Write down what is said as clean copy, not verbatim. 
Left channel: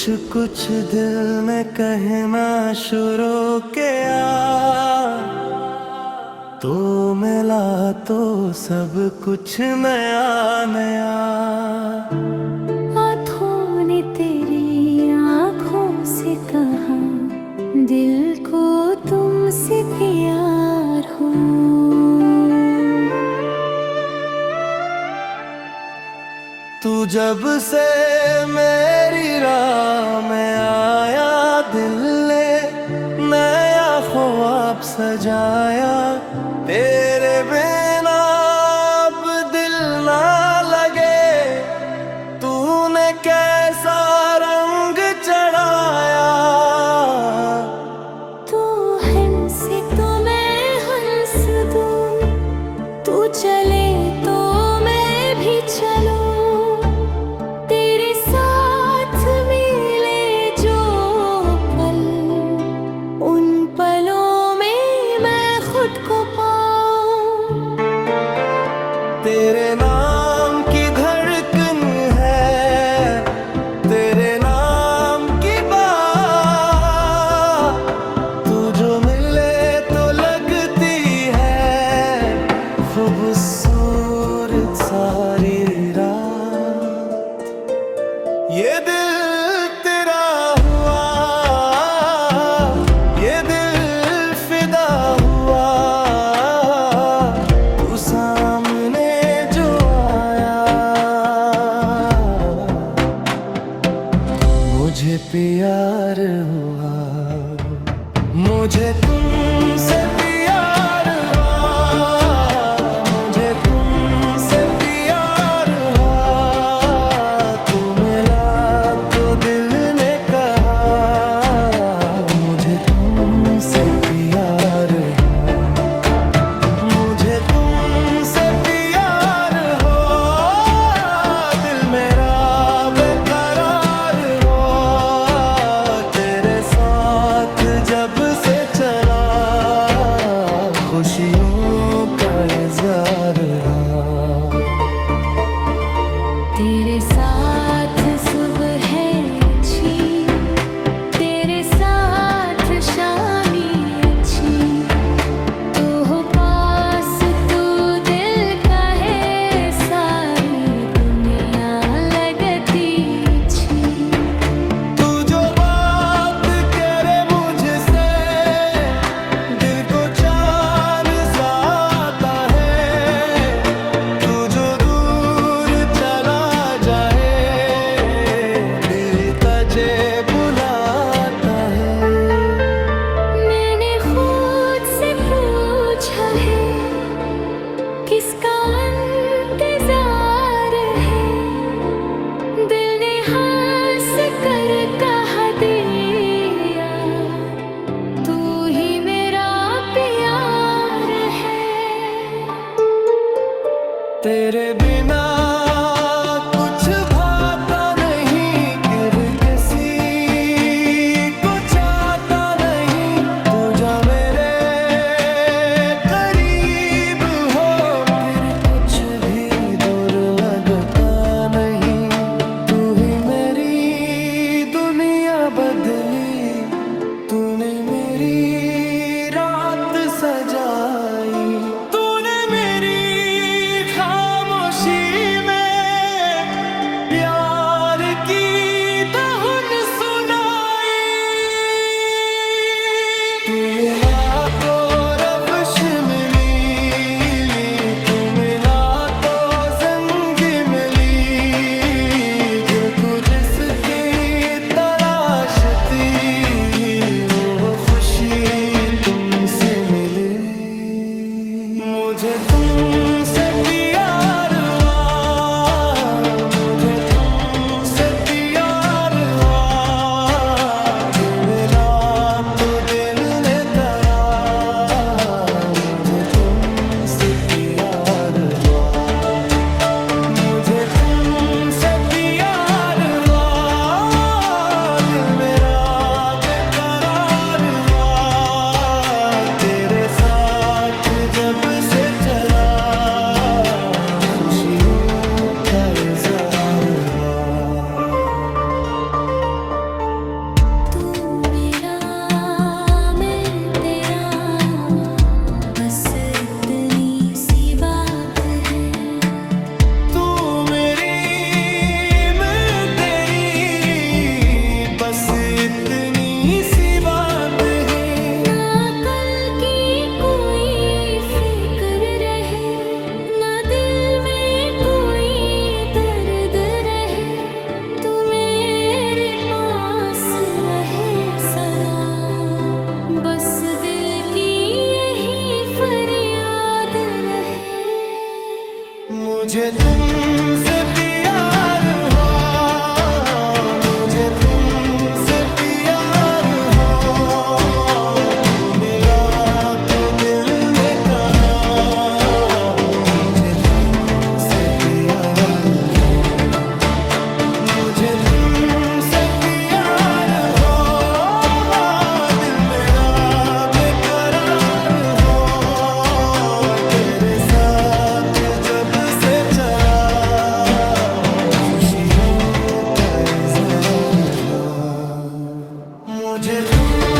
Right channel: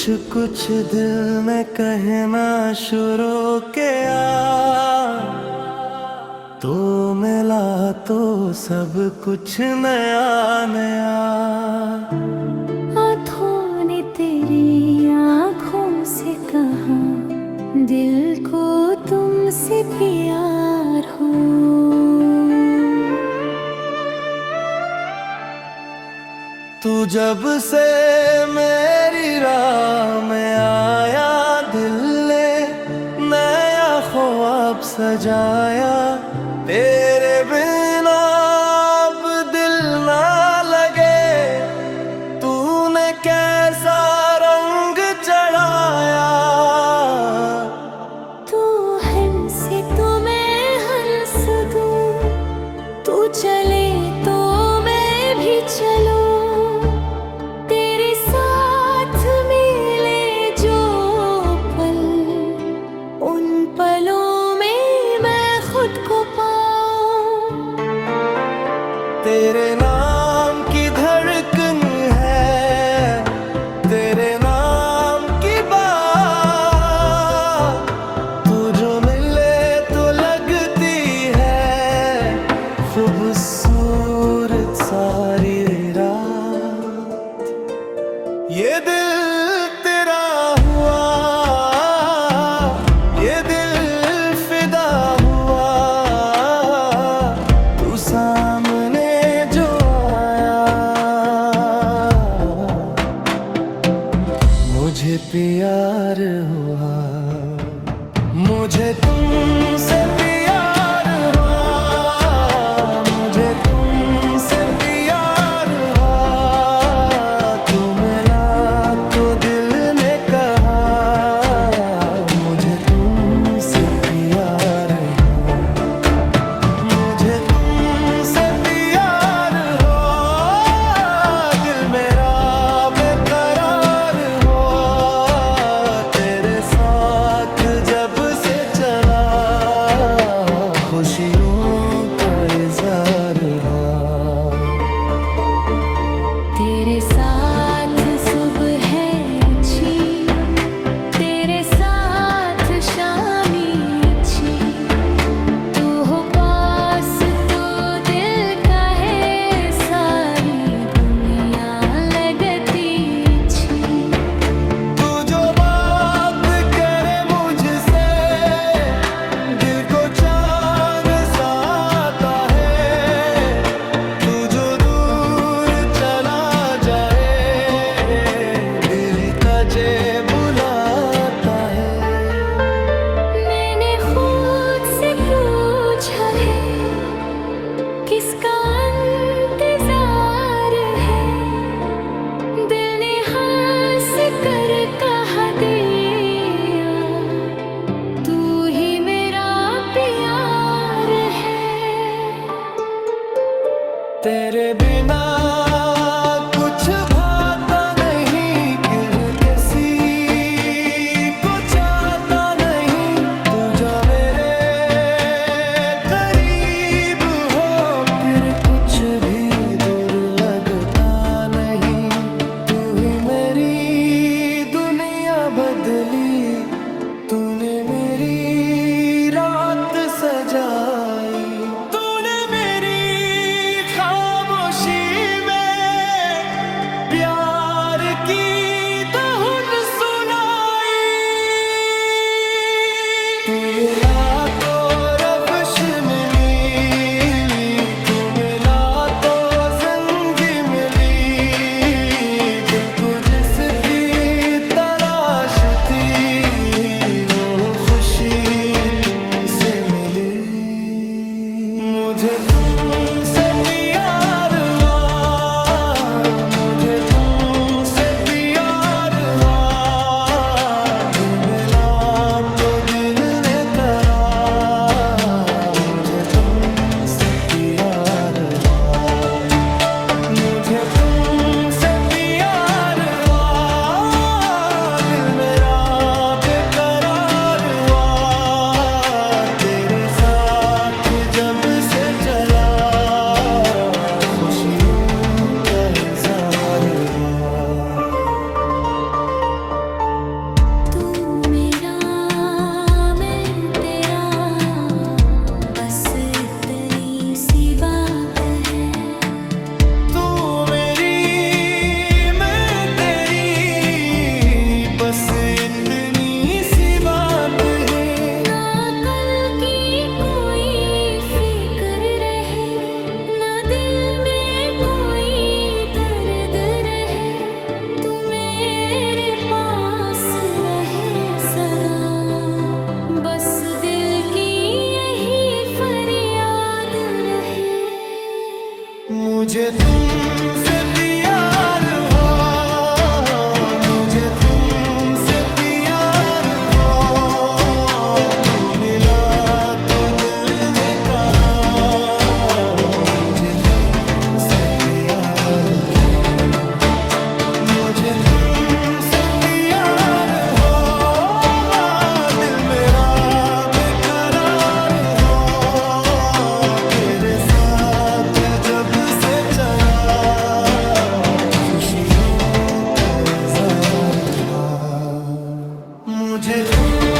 कुछ कुछ दिल में कहना शुरू किया, तो मिला तो सब कुछ नया नया। आँखों ने तेरी आँखों से कहा, दिल को तुमसे प्यार हो। तू जब से मेरी राह में आया, दिल ने नया ख्वाब सजाया। तेरे बिना अब दिल ना लगे, तूने कैसा रंग चढ़ाया। तू हंसे तो मैं हंस दूं, तू चले तो मैं भी चलूं। पलों में मैं खुद को पाऊं। तेरे नाम की धड़कन है, तेरे नाम की बात। तू जो मिले तो लगती है खूबसूरत सारी रात। ये दिल तेरा हुआ, सामने जो आया। मुझे प्यार हुआ, मुझे तुमसे प्यार हुआ, मुझे तुमसे प्यार हुआ। तू मिला तो दिल ने कहा, मुझे तुमसे प्यार हुआ, मुझे तुमसे प्यार हो। दिल मेरा बेकरार हो, तेरे साथ जब से चला, खुशियों का इज़हार हुआ। तेरे साथ सुबह है अच्छी, तेरे साथ शामी अच्छी। तू हो पास तो दिल का है सारी दुनिया लगती अच्छी। तू जो बात करे मुझसे, दिल को चाँद सा आता है। तू जो दूर चला जाए, दिल तुझे बुलाता है। मैंने खुद से पूछा है, किसका इंतजार है। दिल ने हंस कर कहा दिया, तू ही मेरा प्यार है। तेरे बिना कुछ भाता नहीं, किर किसी को चाहता नहीं। तू जा मेरे करीब हो, फिर कुछ भी दूर लगता नहीं। तू ही मेरी दुनिया बदली, तूने मेरी रात सजाई। तूने मेरी खामोशी में प्यार की धुन सुनाई। तू मिला तो रफ्श में मिली, तू मिला तो ज़ंगी मिली। दिल को जिसकी तलाश थी, वो खुशी तुमसे मिली। मुझे तुमसे प्यार हुआ, मुझे तुमसे प्यार हुआ। दिल मिला तो दिल ने कहा, मुझे तुमसे प्यार हुआ, मुझे तुमसे प्यार हुआ। दिल मेरा बेकरार हुआ, तेरे साथ जब से चला। मुझे तुमसे प्यार हो, मुझे तुमसे प्यार हो, तू मिला तो दिल ने कहा मुझे तुमसे प्यार हो, मुझे तुमसे प्यार हो, दिल मेरा बेकरार हो, तेरे साथ जब से चला खुशियों का इज़हार हा, मुझे तुम